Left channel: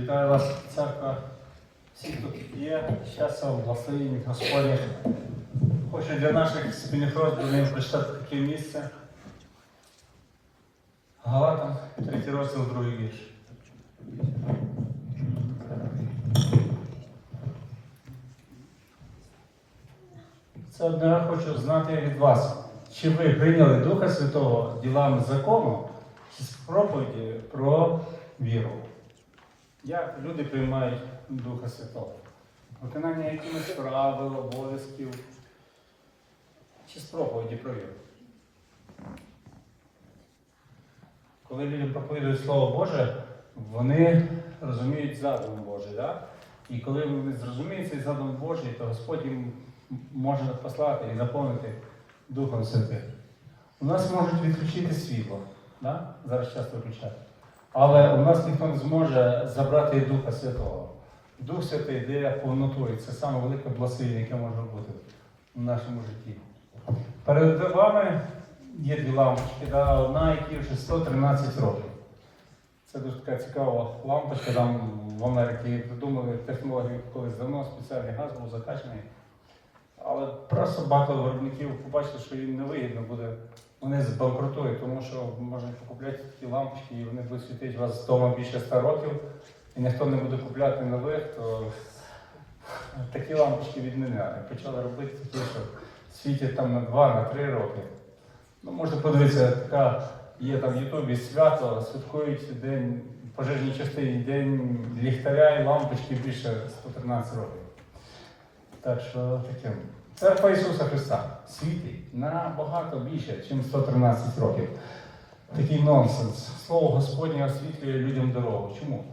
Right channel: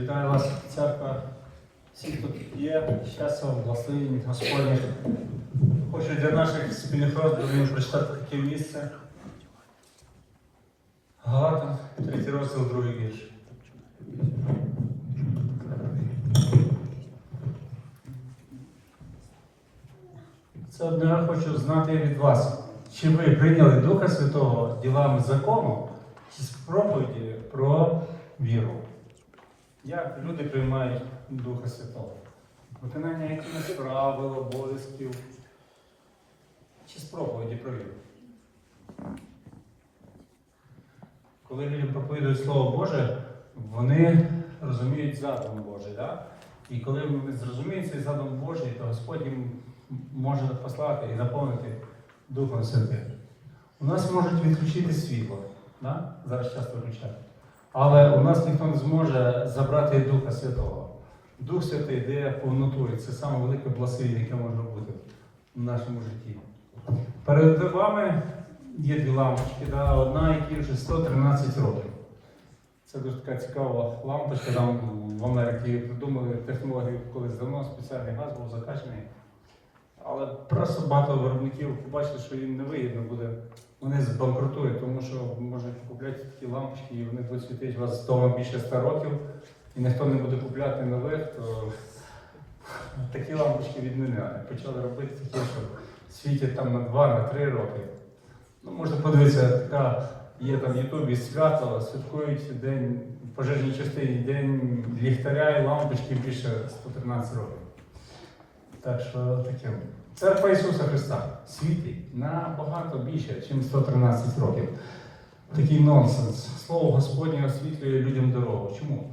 Вітаю вас, церква. Всі, хто є, щастя, благословіння, Господні. Хочу для наших спільних роздумів прочитати таке місце. Галатам, третій розділ, другий вірш. Це одне я хочу знати від вас. Чи ви прийняли Духа Святого ділами закону чи з проповіді про віру? Як люди приймають Духа Святого? Виконання якимось правил, обов'язків чи з проповіді? Коли люди проповідують Слово Боже, вони розуміють задум Божий. Да? І коли вони зрозуміють цей задум Божий, то Господь їм може послати і наповнити Духом Святим. У нас можуть відключити світло. Да? Зараз часто виключають. Але у нас ніхто не зможе забрати Духа Святого. Дух Святий йде повноту, і це саме велике благословення, яке може бути в нашому житті. Перед вами є дві лампочки, да? одна, якій вже 113 років. Це дуже така цікава лампочка. Нам в Америці придумали технологію, колись давно спеціальний газ був закачаний. Але просто багато виробників побачили, що їм не вигідно буде. Вони збанкрутують, тому що можна покупляти такі лампочки, і вони будуть світити вас вдома більше 100 років, і ніхто не буде купляти нових, то такі лампочки відміняли. Почали робити такі, що світять там на 2 на 3 роки. Ну, можна подивитися, така є там в Ютубі свято, святкують день пожежній частині, день ліхтаря і лампочки більше 113 років. Так що таке. Церква Ісуса Христа світить набагато більше, ніж 113 років. Такий нонсенс. Слово Господнє освітлює людям дорогу. Чому?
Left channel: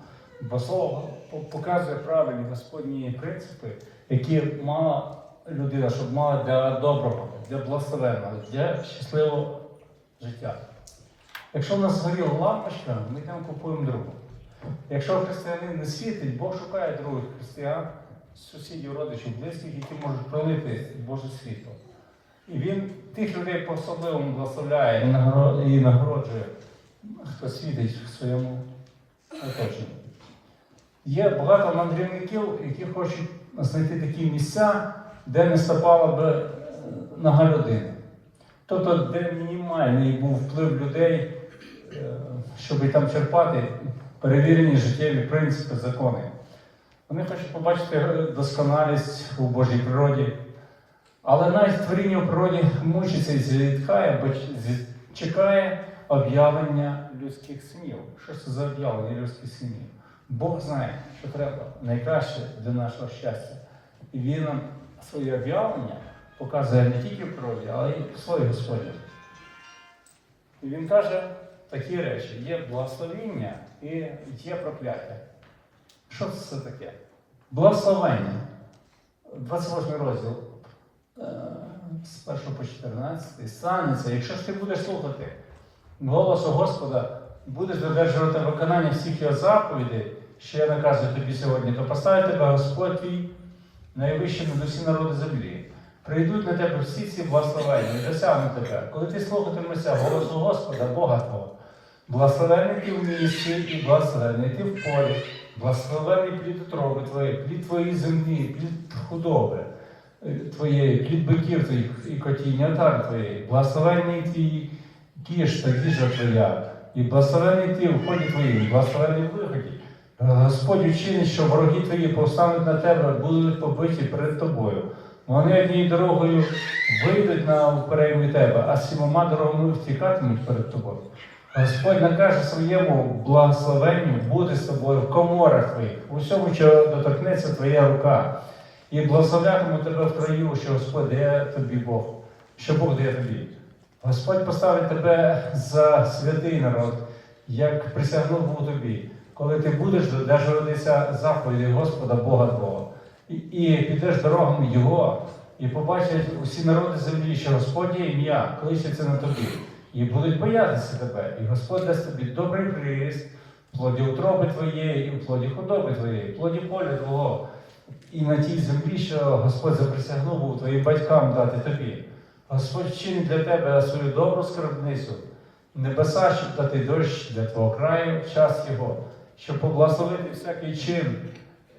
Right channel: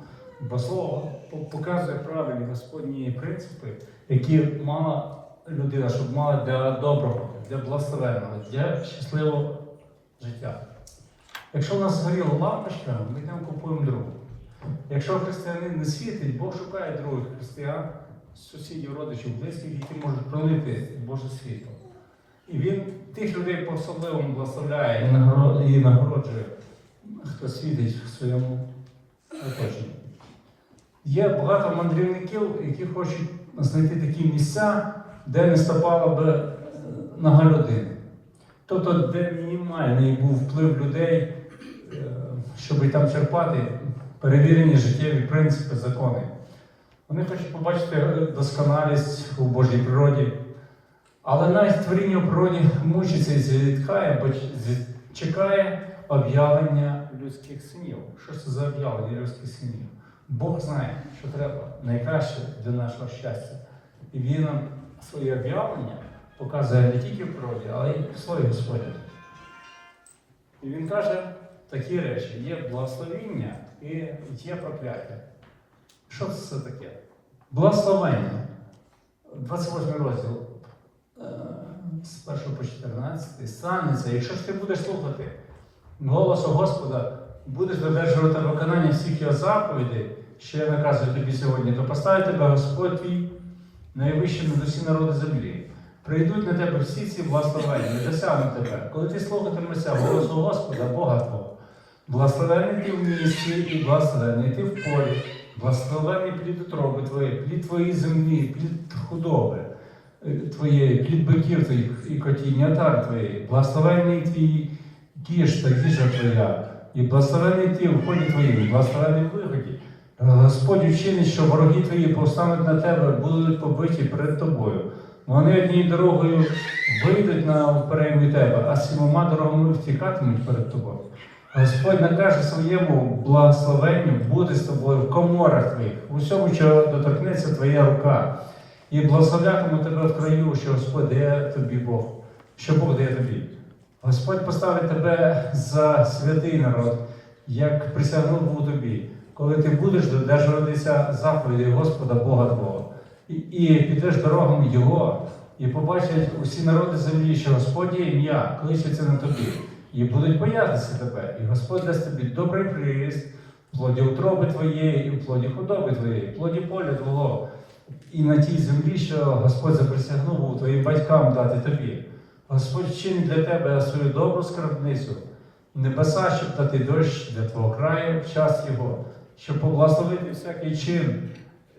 Бо слово показує правильні Господні принципи, які мала людина, щоб мала для доброго, для благословенного, для щасливого життя. Якщо в нас згоріла лампочка, ми там купуємо другу. Якщо християнин не світить, Бог шукає других християн, сусідів, родичів, близьких, які можуть пролити Боже світло. І він тих людей по-особливому благословляє і нагороджує, хто світить в своєму оточенні. Є багато мандрівників, які хочуть знайти такі місця, де не стопала би е, нога людини. Тобто, де мінімальний був вплив людей, е, щоб там черпати перевірені життєві принципи, закони. Вони хочуть побачити досконалість у Божій природі. Але навіть творіння в природі мучиться і зітхає, бо чекає об'явлення людських снів. Що це за об'явлення людських снів? Бог знає, що треба найкраще для нашого щастя. І Він нам своє об'явлення показує не тільки в природі, але й в своїй Господі. І він каже такі речі: є благословіння і є прокляття. Що це таке? Благословення. 28 розділ е, з 1 по 14 станеться, якщо ти будеш слухати голосу Господа, будеш додержувати виконання всіх його заповідей, що я наказую тобі сьогодні, то поставить тебе Господь твій найвищий над усі народи землі. Прийдуть на тебе всі ці благословення, не досягнуть тебе. Коли ти слухатимешся голосу Господа, Бога Твого, благословений ти в місті і благословений ти в полі, благословений плід утроби твої, плід твоєї землі, плід худоби е, твоєї, плід биків твоїх і котіння отар твоєї, благословений твій кіш та їжа твоя, і благословений ти в ході твоїм, благословений в виході. Господь вчинить, що вороги твої повстануть на тебе, будуть побиті перед тобою. Вони однією дорогою вийдуть на переймі тебе, а сімома дорогами втікатимуть перед тобою. Господь накаже своєму благословенню бути з тобою в коморах твоїх, у всьому, що доторкнеться твоя рука, і благословлятиме тебе в краю, що Господь дає тобі Бог, що Бог дає тобі. Господь поставить тебе за святий народ, як присягнув у тобі, коли ти будеш додержуватися заповіді Господа Бога Твого, і, і підеш дорогами Його, і побачать усі народи землі, що Господь є ім'я, кличеться на тобі, і будуть боятися тебе, і Господь дасть тобі добрий приріст, плоді утроби твоєї, і плоді худоби твоєї, плоді поля твого, і на тій землі, що Господь заприсягнув твоїм батькам дати тобі. Господь чинить для тебе свою добру скарбницю, небеса, щоб дати дощ для твого краю в час його, щоб поблагословити всякий чин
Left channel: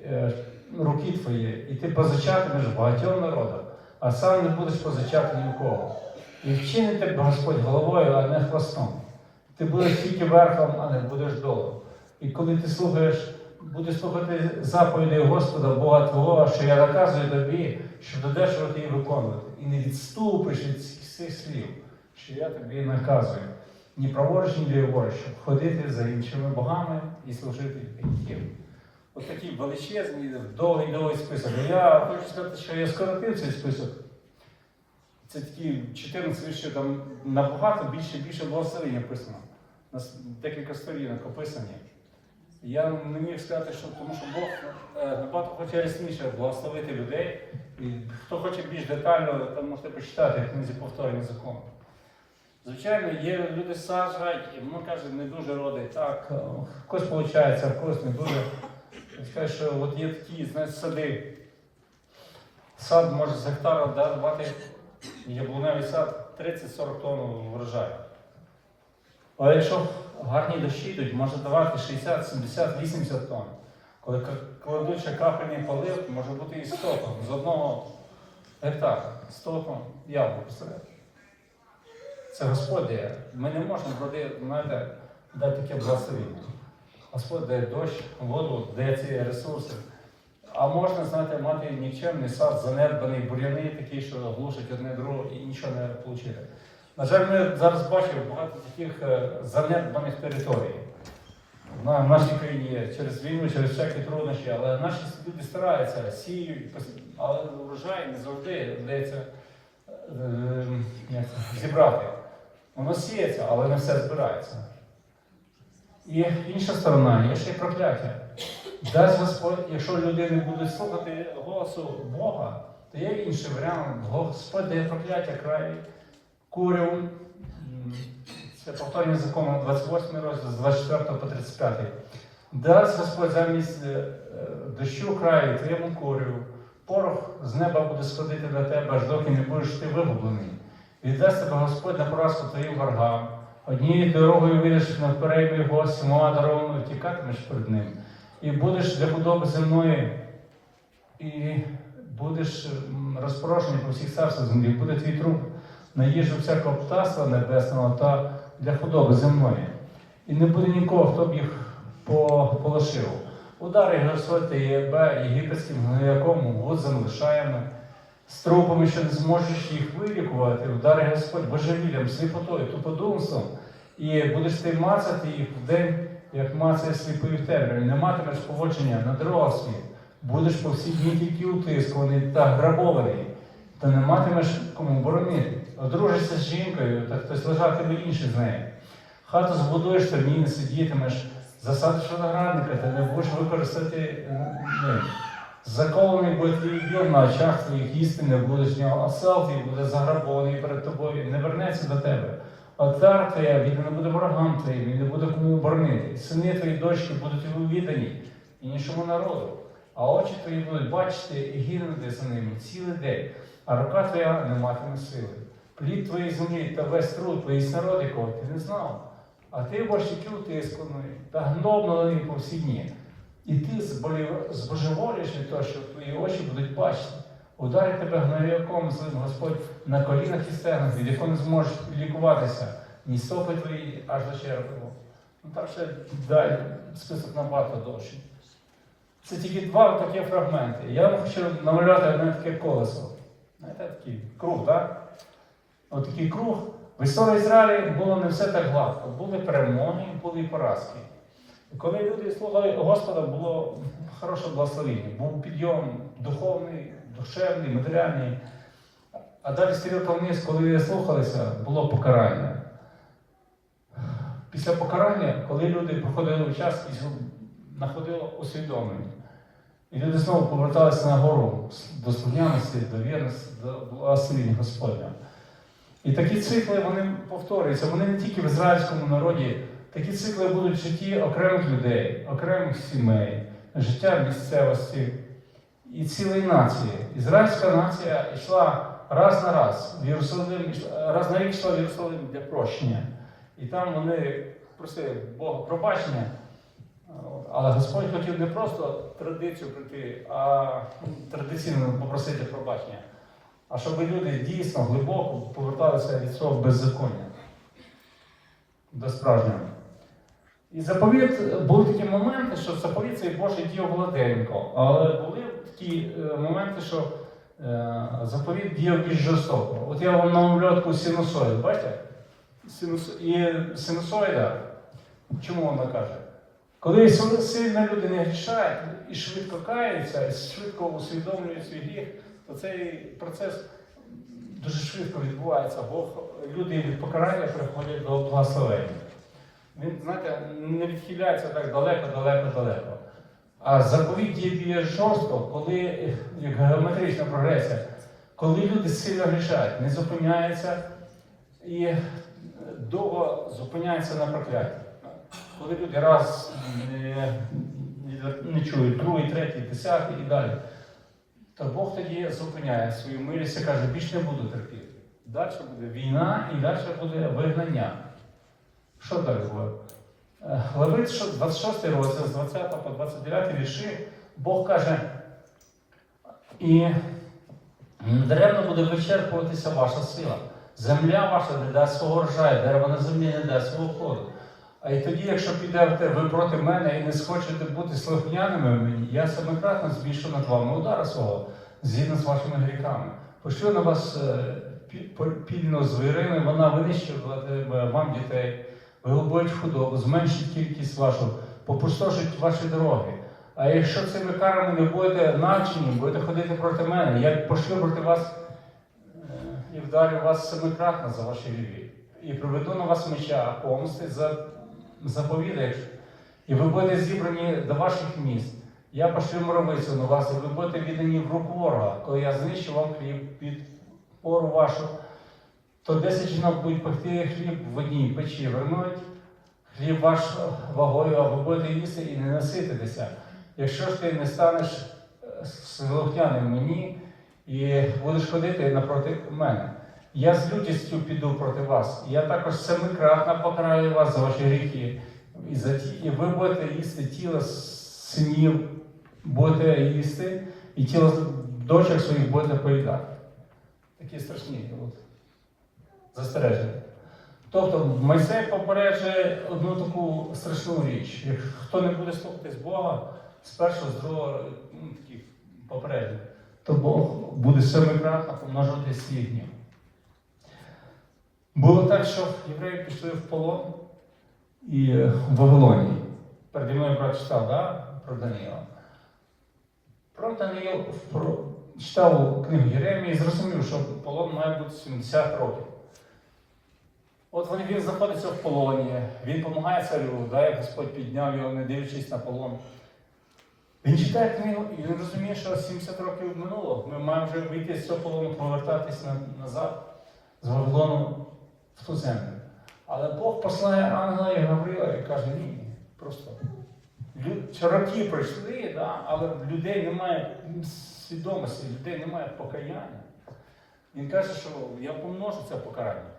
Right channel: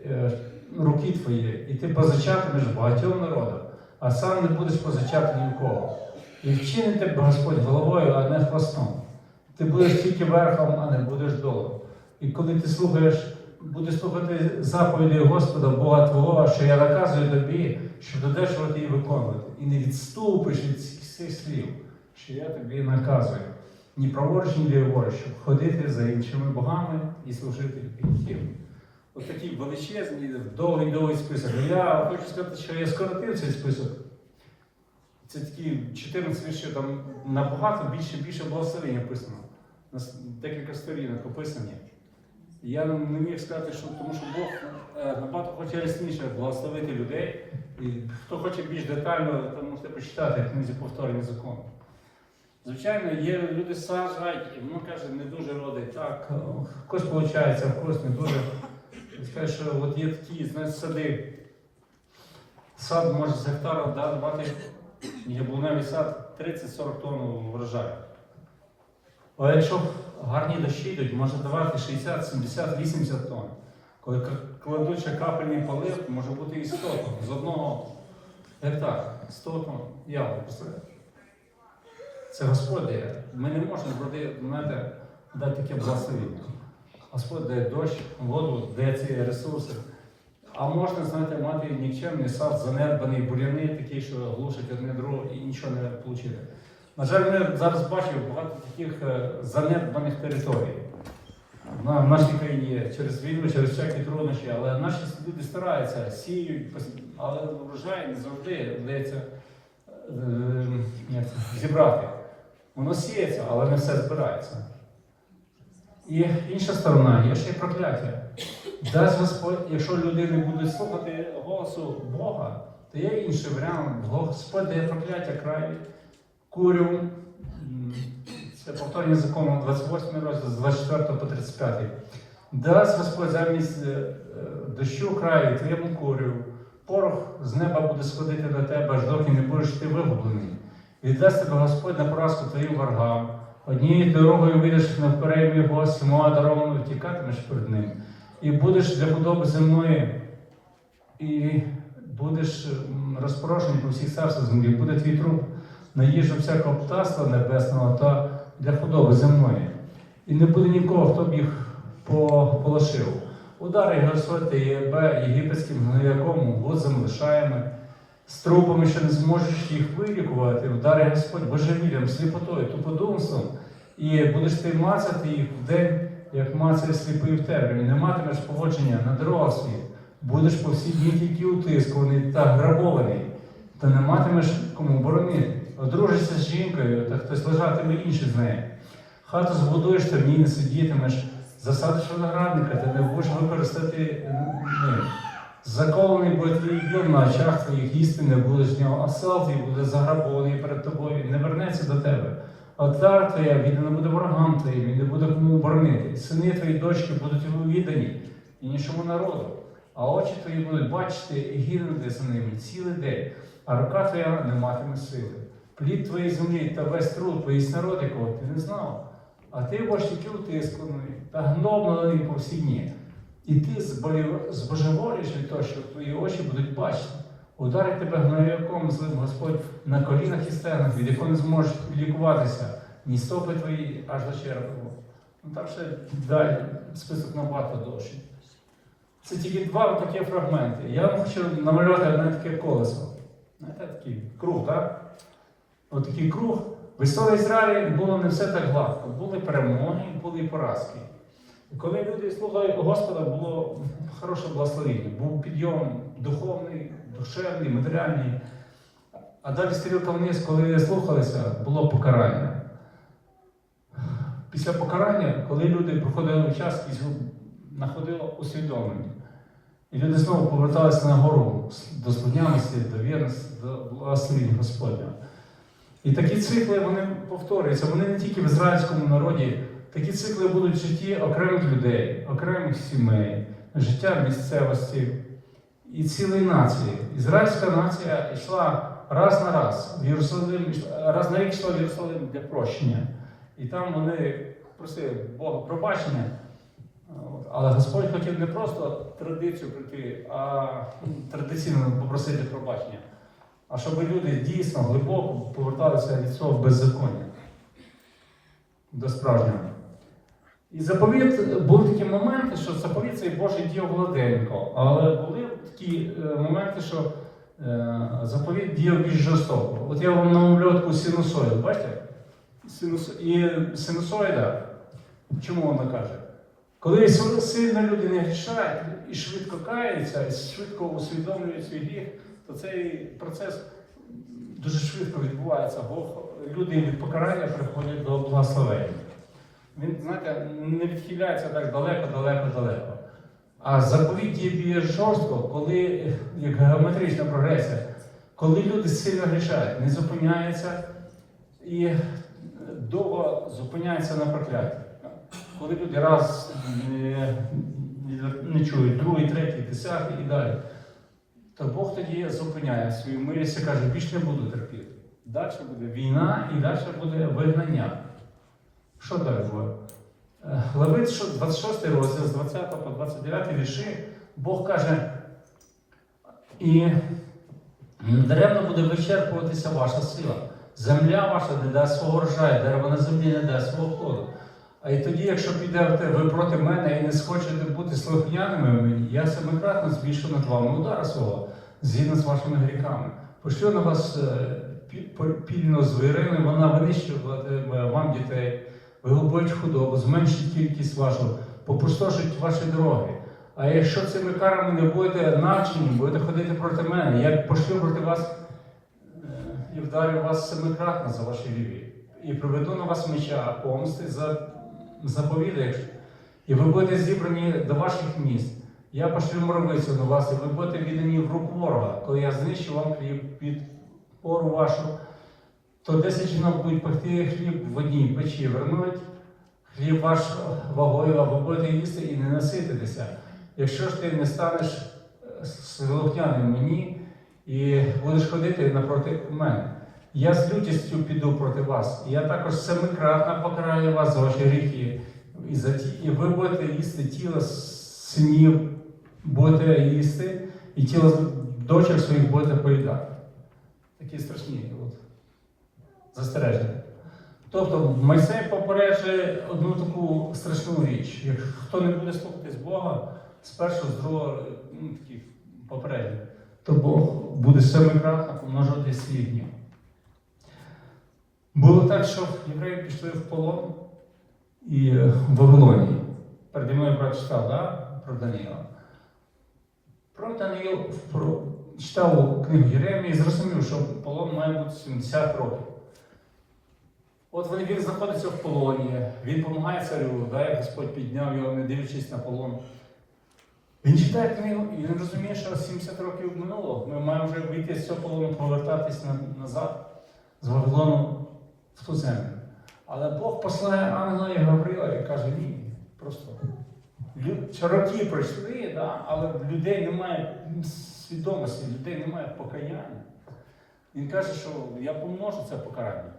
е, руки твої, і ти позичатимеш багатьом народам, а сам не будеш позичати нікого. І вчинити Господь головою, а не хвостом. Ти будеш тільки верхом, а не будеш долом. І коли ти слухаєш, будеш слухати заповіді Господа Бога Твого, що я наказую тобі, що додержувати і виконувати. І не відступиш від цих слів, що я тобі наказую. Ні праворуч, ні ліворуч, щоб ходити за іншими богами і служити їм. Ось такий величезний, довгий довгий список. Я хочу сказати, що я скоротив цей список. Це такі 14 віршів, там набагато більше більше благословень написано. У нас декілька сторінок описані. Я не міг сказати, що тому що Бог е, набагато хоче ясніше благословити людей. І хто хоче більш детально, там можете почитати книзі повторення закону. Звичайно, є люди саджають, і воно каже, не дуже родить. Так, е, когось виходить, а когось не дуже. Скажу, що от є такі, знаєте, сади. Сад може з гектара да, давати яблуневий сад 30-40 тонн врожаю. Але якщо гарні дощі йдуть, може давати 60, 70, 80 тонн. Коли к- кладуть ще крапельний полив, може бути і 100 тонн. З одного гектара 100 тонн яблук посередині. Це Господь дає. Ми не можемо знаєте, дати таке благословіння. Господь дає дощ, воду, дає ці ресурси. А можна, знаєте, мати нікчемний сад, занедбаний, буряни такі, що глушать одне друге і нічого не отримати. На жаль, ми зараз бачимо багато таких е, занедбаних територій. В нашій країні є через війну, через всякі труднощі, але наші люди стараються, сіють, але врожай не завжди вдається е, зібрати. Воно сіється, але не все збирається. І інша сторона, є ще й прокляття. Дасть Господь, якщо люди не будуть слухати голосу Бога, то є інший варіант. Господь дає прокляття краю, курю. Це повторення закону 28 розділ з 24 по 35. Дасть Господь замість е, дощу краю твоєму курю, порох з неба буде сходити до тебе, аж доки не будеш ти вигублений. Віддасть тебе Господь на поразку твоїм ворогам. Однією дорогою вийдеш на вперед його, сама дорогою тікатимеш перед ним. І будеш для худоби земної, і будеш м, розпорошений по всіх царствах землі, буде твій труп на їжу всякого птаства небесного та для худоби земної. І не буде нікого, хто б їх по- полошив. Удари Господь і Єбе, єгипетським гнояком, возом, лишаями, з трупами, що не зможеш їх вилікувати, вдари Господь божевіллям, сліпотою, туподумством, і будеш ти мацати їх в день, як мацає сліпий в тебе, і не матимеш поводження на дорогах світ. Будеш по всі дні тільки утискуваний та грабований, та не матимеш кому боронити. Одружишся з жінкою, та хтось лежатиме інший з нею. Хату збудуєш, та в ній не сидітимеш, засадиш виноградника, та не будеш використати ним. Закований буде твій дім на очах твоїх їсти не будеш з нього, осел твій буде заграбований перед тобою і не вернеться до тебе. Отар твоя він не буде ворогам твоїм, і не буде кому боронити. Сини твої дочки будуть його віддані іншому народу. А очі твої будуть бачити і гинути за ними цілий день, а рука твоя не матиме сили. Плід твоєї землі та весь труд твоїх народ, якого ти не знав. А ти бачиш утисканий та гноблений по всі дні. І ти збожев- збожеволієш від того, що твої очі будуть бачити. Тебе гнояком злим Господь на колінах і стегнах, від якого не зможеш лікуватися, ні стопи твої аж до черепу. Ну так ще далі список набагато довший. Це тільки два такі фрагменти. Я вам хочу намалювати одне таке колесо. Знаєте, такий круг, так? От круг. В історії Ізраїля було не все так гладко. Були перемоги, були поразки. Коли люди слухали Господа, було хороше благословення, був підйом духовний, душевний, матеріальний. А далі стрілка вниз, коли слухалися, було покарання. Після покарання, коли люди проходили час і знаходило усвідомлення. І люди знову поверталися на гору до слухняності, до вірності, до благословення Господня. І такі цикли вони повторюються. Вони не тільки в ізраїльському народі, такі цикли будуть в житті окремих людей, окремих сімей, життя місцевості і цілої нації. Ізраїльська нація йшла раз на раз в Єрусалим, раз на рік йшла в Єрусалим для прощення. І там вони просили Бога пробачення. Але Господь хотів не просто традицію прийти, а ну, традиційно попросити пробачення, а щоб люди дійсно глибоко поверталися від свого беззаконня до справжнього. І заповіт були такі моменти, що заповіт цей Божий діяв гладенько, але були такі е, моменти, що е, заповіт діяв більш жорстоко. От я вам намалював таку синусоїду, бачите? Синусо... І синусоїда, чому вона каже? Коли сил- сильно люди не грішають і швидко каються, і швидко усвідомлюють свій гріх, то цей процес дуже швидко відбувається, бо люди від покарання приходять до благословення. Він, знаєте, не відхиляється так далеко, далеко, далеко. А заповідь є більш жорстко, коли геометрична прогресія, коли люди сильно грішають, не зупиняються і довго зупиняються на прокляті. Коли люди раз не, не чують, другий, третій, десятий і далі, то Бог тоді зупиняє свою милість і каже, більше не буду терпіти. Далі буде війна і далі буде вигнання. Що далі буде? Левит, 26 розділ з 20 по 29 вірші, Бог каже, і даремно буде вичерпуватися ваша сила. Земля ваша не дасть свого врожаю, дерево на землі не дасть свого плоду. А і тоді, якщо підете ви проти мене і не схочете бути слухняними мені, я семикратно збільшу над вами удара свого, згідно з вашими гріхами. Пошлю на вас е, пі- пільну вона винищуватиме вам дітей, вигубить худобу, зменшить кількість вашу, попустошить ваші дороги. А якщо цими карами ви будете навчені, будете ходити проти мене, я пошлю проти вас е, і вдарю вас семикратно за ваші гріхи. І приведу на вас меча, помсти за заповідає, і ви будете зібрані до ваших міст. Я пошлю моровицю на вас, і ви будете віддані в руку ворога, коли я знищу вам під пору вашу, то 10 жінок будуть пекти хліб в одній печі, вернуть хліб ваш вагою, а ви будете їсти і не насититися. Якщо ж ти не станеш е, слухняним мені і будеш ходити напроти мене. Я з лютістю піду проти вас. Я також семикратно покараю вас за ваші гріхи. І, за ті, і ви будете їсти тіло синів, будете їсти, і тіло дочок своїх будете поїдати. Такі страшні застереження. Тобто Мойсей попереджує одну таку страшну річ. Як хто не буде слухатись Бога, з першого, з другого ну, такі попередження, то Бог буде семикратно помножувати свій гнів. Було так, що євреї пішли в полон і в Вавилоні. Переді мною прочитав да, про Даниїла. Про про, читав книгу Єремії і зрозумів, що полон має бути 70 років. От він, знаходиться в полоні, він допомагає царю, да, як Господь підняв його, не дивлячись на полон. Він читає книгу і він розуміє, що 70 років минуло. Ми маємо вже вийти з цього полону, повертатись на- назад з Вавилону в ту землю. Але Бог посилає ангела і Гаврила і каже, ні, просто. Роки пройшли, да, але людей немає свідомості, в людей немає покаяння. Він каже, що я помножу це покарання.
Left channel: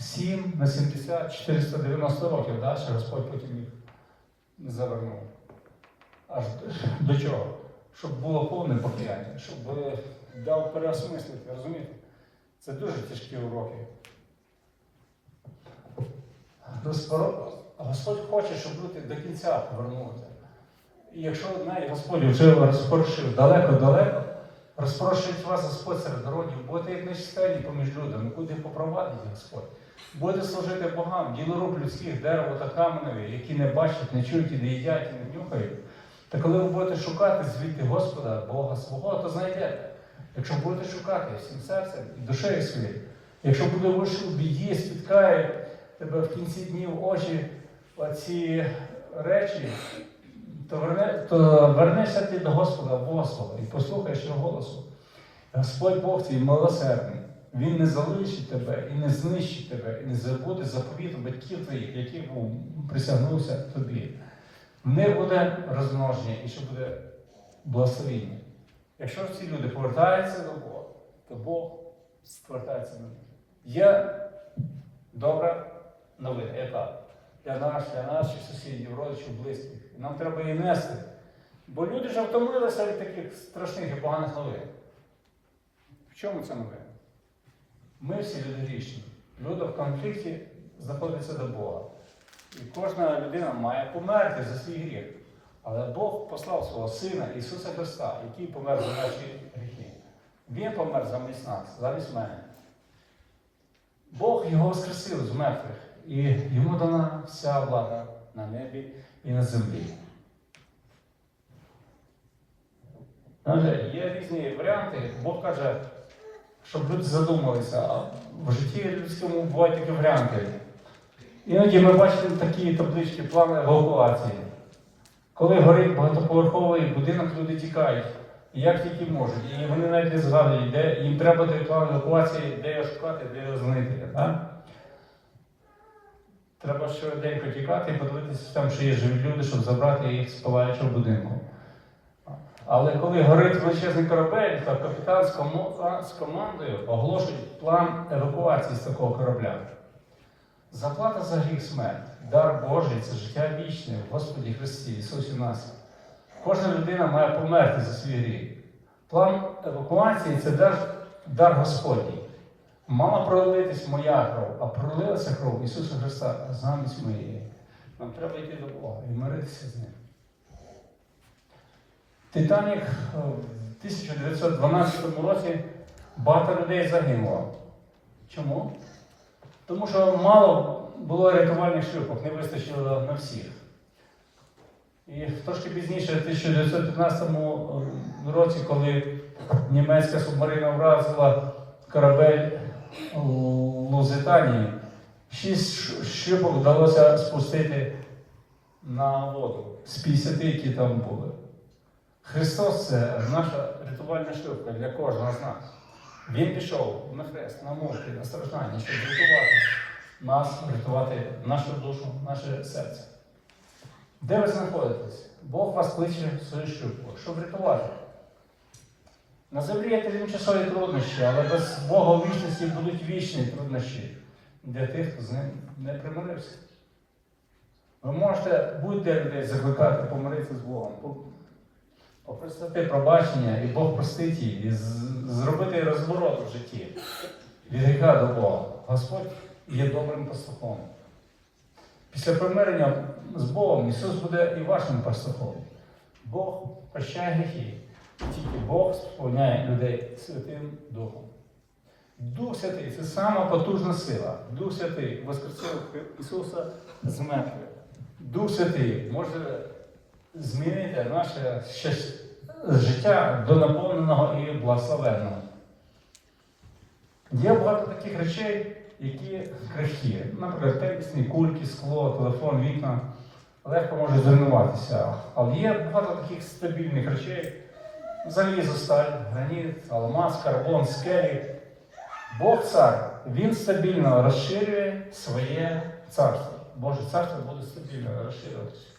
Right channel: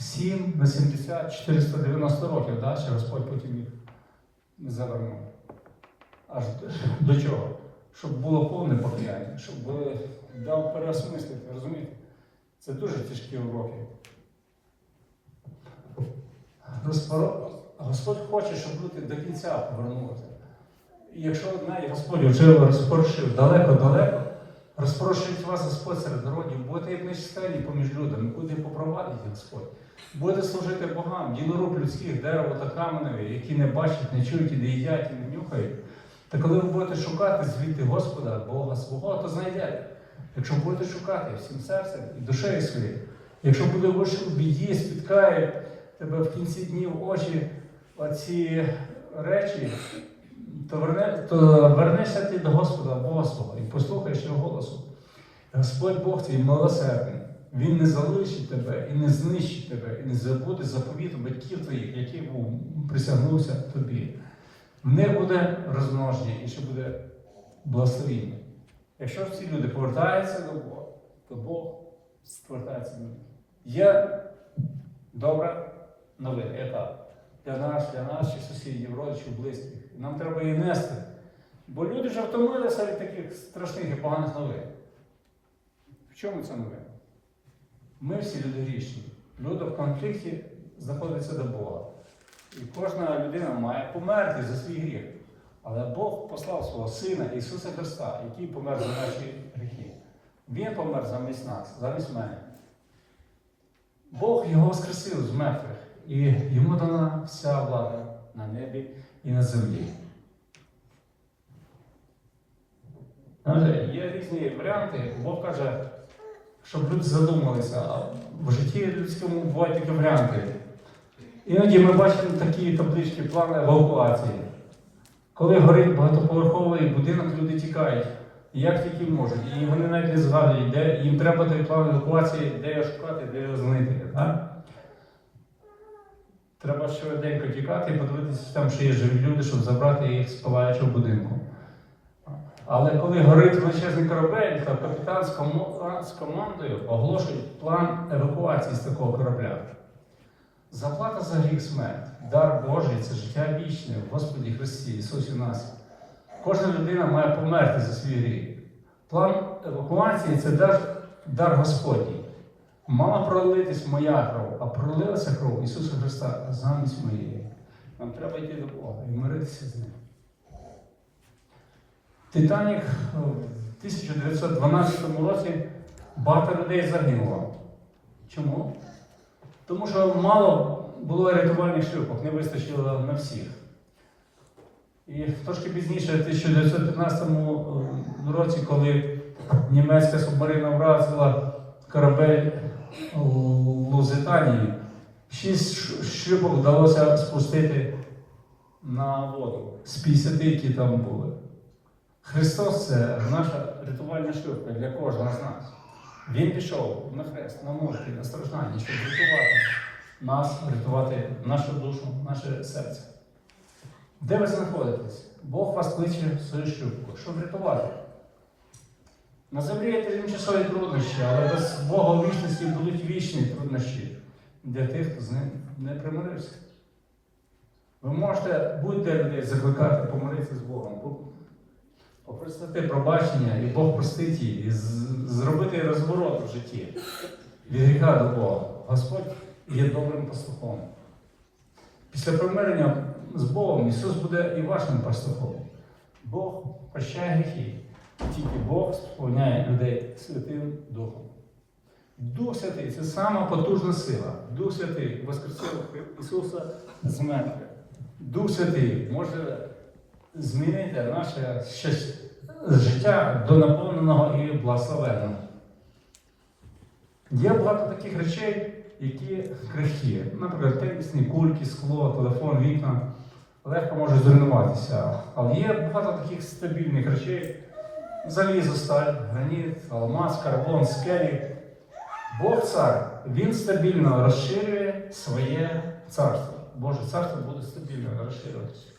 7 на 70, 490 років, да, що Господь потім їх завернув. Аж до чого? Щоб було повне покаяння, щоб дав переосмислити, розумієте? Це дуже тяжкі уроки. Господь, хоче, щоб люди до кінця повернулися. І якщо одна Господь вже розпорушив далеко-далеко, розпорушить вас Господь серед народів, будете як нечистені поміж людьми, куди попровадить Господь. Будете служити богам, ділоруб людських, дерево та каменеві, які не бачать, не чують і не їдять, і не нюхають. Та коли ви будете шукати звідти Господа, Бога свого, то знайдете. Якщо будете шукати всім серцем і душею своєю, якщо буде в біді, спіткають тебе в кінці днів очі оці речі, то, верне, то вернешся ти до Господа Бога свого і послухаєш його голосу. Господь Бог твій милосердний. Він не залишить тебе і не знищить тебе, і не забуде заповіт батьків твоїх, які присягнувся тобі. Не буде розмноження і ще буде благословіння. Якщо ж ці люди повертаються до Бога, то Бог повертається до них. Є добра новина, етап. для нас, для наших сусідів, родичів, близьких. Нам треба її нести. Бо люди вже втомилися від таких страшних і поганих новин. В чому це новина? Ми всі люди грішні. Люди в конфлікті знаходяться до Бога. І кожна людина має померти за свій гріх. Але Бог послав свого Сина Ісуса Христа, який помер за наші гріхи. Він помер замість нас, замість мене. Бог його воскресив з мертвих, і йому дана вся влада на небі і на землі. Є різні варіанти. Бог каже, щоб люди задумалися, в житті людському бувають такі варіанти. Іноді ми бачимо такі таблички плани евакуації. Коли горить багатоповерховий будинок, люди тікають. Як тільки можуть. І вони навіть не згадують, де їм треба той план евакуації, де його шукати, де його знайти. Так? Треба швиденько тікати і подивитися, там ще є живі люди, щоб забрати їх з палаючого будинку. Але коли горить величезний корабель, то капітан з командою оголошують план евакуації з такого корабля. Заплата за гріх смерть, дар Божий це життя вічне в Господі Христі, Ісусі нас. Кожна людина має померти за свій гріх. План евакуації це дар, дар Господній. Мала пролитись моя кров, а пролилася кров Ісуса Христа замість моєї. Нам треба йти до Бога і миритися з ним. Титанік в 1912 році багато людей загинуло. Чому? Тому що мало було рятувальних шлюпок, не вистачило на всіх. І трошки пізніше, в 1915 році, коли німецька субмарина вразила корабель у Лузитанії, шість шлюпок вдалося спустити на воду з 50, які там були. Христос це наша рятувальна шлюпка для кожного з нас. Він пішов на хрест, на морки, на страждання, щоб рятувати нас, рятувати нашу душу, наше серце. Де ви знаходитесь? Бог вас кличе в свою шлюбку, щоб рятувати. На землі є тимчасові труднощі, але без Бога вічності будуть вічні труднощі для тих, хто з ним не примирився. Ви можете будь-де людей закликати, помиритися з Богом, попросити пробачення, і Бог простить її, і зробити розворот у житті від гріха до Бога. Господь є добрим пастухом. Після примирення з Богом Ісус буде і вашим пастухом. Бог прощає гріхи. Тільки Бог сповняє людей Святим Духом. Дух Святий це сама потужна сила. Дух Святий воскресив Ісуса з мертвих. Дух Святий може змінити наше щас- життя до наповненого і благословенного. Є багато таких речей, які крихкі. Наприклад, тенісні кульки, скло, телефон, вікна легко можуть зруйнуватися. Але є багато таких стабільних речей. Залізо, сталь, граніт, алмаз, карбон, скелі. Бог цар, він стабільно розширює своє царство. Боже царство буде стабільно розширюватися.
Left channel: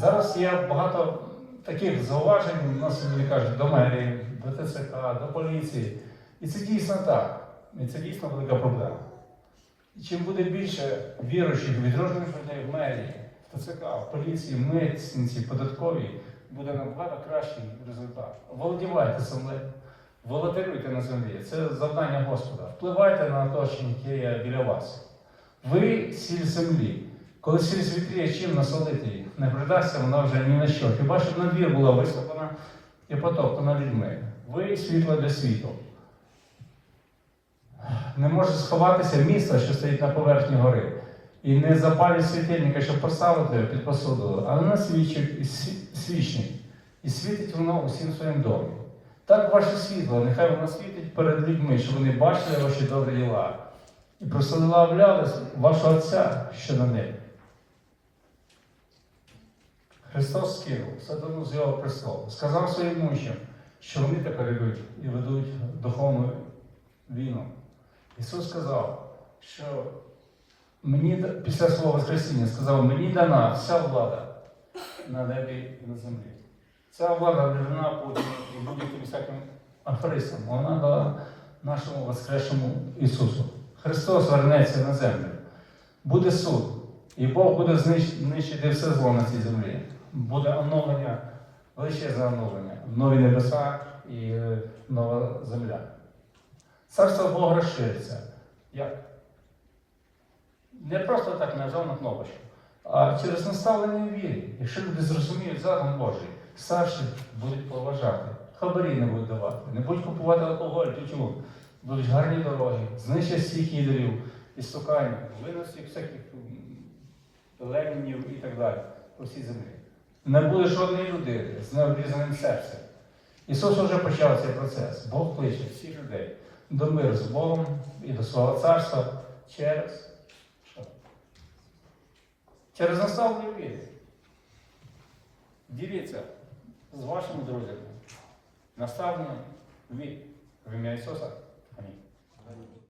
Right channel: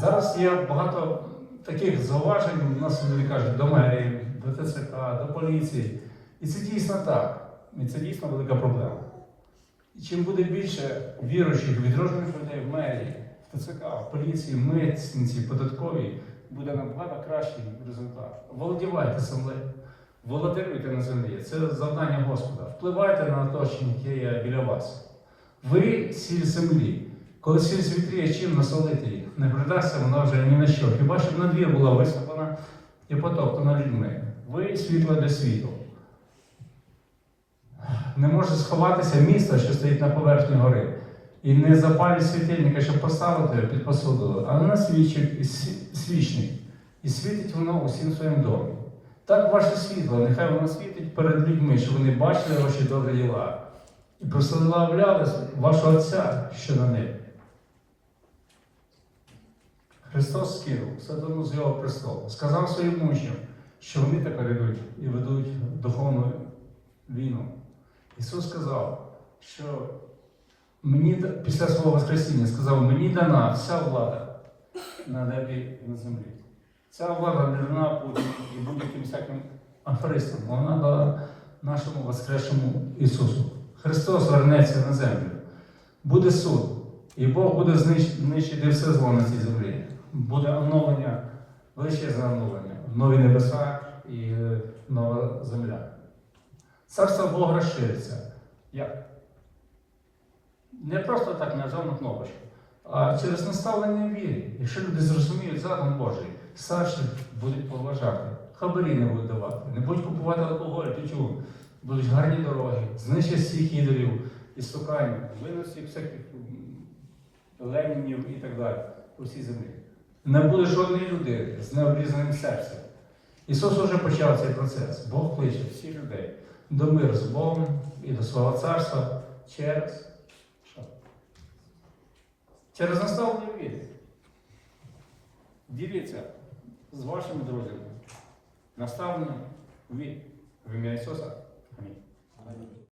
Зараз є багато таких зауважень, нас люди кажуть, до мерії, до ТЦК, до поліції. І це дійсно так. І це дійсно велика проблема. І чим буде більше віруючих відроджених людей в мерії, в ТЦК, в поліції, митниці, податковій, буде набагато кращий результат. Володівайте землею, володарюйте на землі. Це завдання Господа. Впливайте на оточення, яке є біля вас. Ви сіль землі. Коли сіль світліє, чим насолити їх? Не придасться вона вже ні на що. Хіба щоб на двір була висоплена і потоптана людьми. Ви світло для світу. Не може сховатися місто, що стоїть на поверхні гори. І не запалює світильника, щоб поставити під посудою, а вона свічить і свічник. І світить воно усім своїм добрим. Так ваше світло, нехай воно світить перед людьми, щоб вони бачили ваші добрі діла. І прославляли вашого Отця, що на небі. Христос скинув сатану з його престолу, сказав своїм учням, що вони тепер йдуть і ведуть духовну війну. Ісус сказав, що мені після свого Воскресіння сказав, мені дана вся влада на небі і на землі. Ця влада не дана і будь-яким всяким афористам. Вона дала нашому Воскресшому Ісусу. Христос вернеться на землю. Буде суд. І Бог буде знищити все зло на цій землі. Буде оновлення, величезне оновлення, нові небеса і е, нова земля. Царство Бога розшириться. Як? Не просто так на нажав кнопочку, а через наставлення віри. Якщо люди зрозуміють закон Божий, старші будуть поважати, хабарі не будуть давати, не будуть купувати алкоголь, тютюн, будуть гарні дороги, знищать всіх ідолів, істукань, виносять всяких лемінів і так далі по всій землі. Не буде жодної людини з необрізаним серцем. Ісус вже почав цей процес. Бог кличе всіх людей до миру з Богом і до свого царства через що? Через наставлення віри. Діліться з вашими друзями. Наставлення віри в ім'я Ісуса.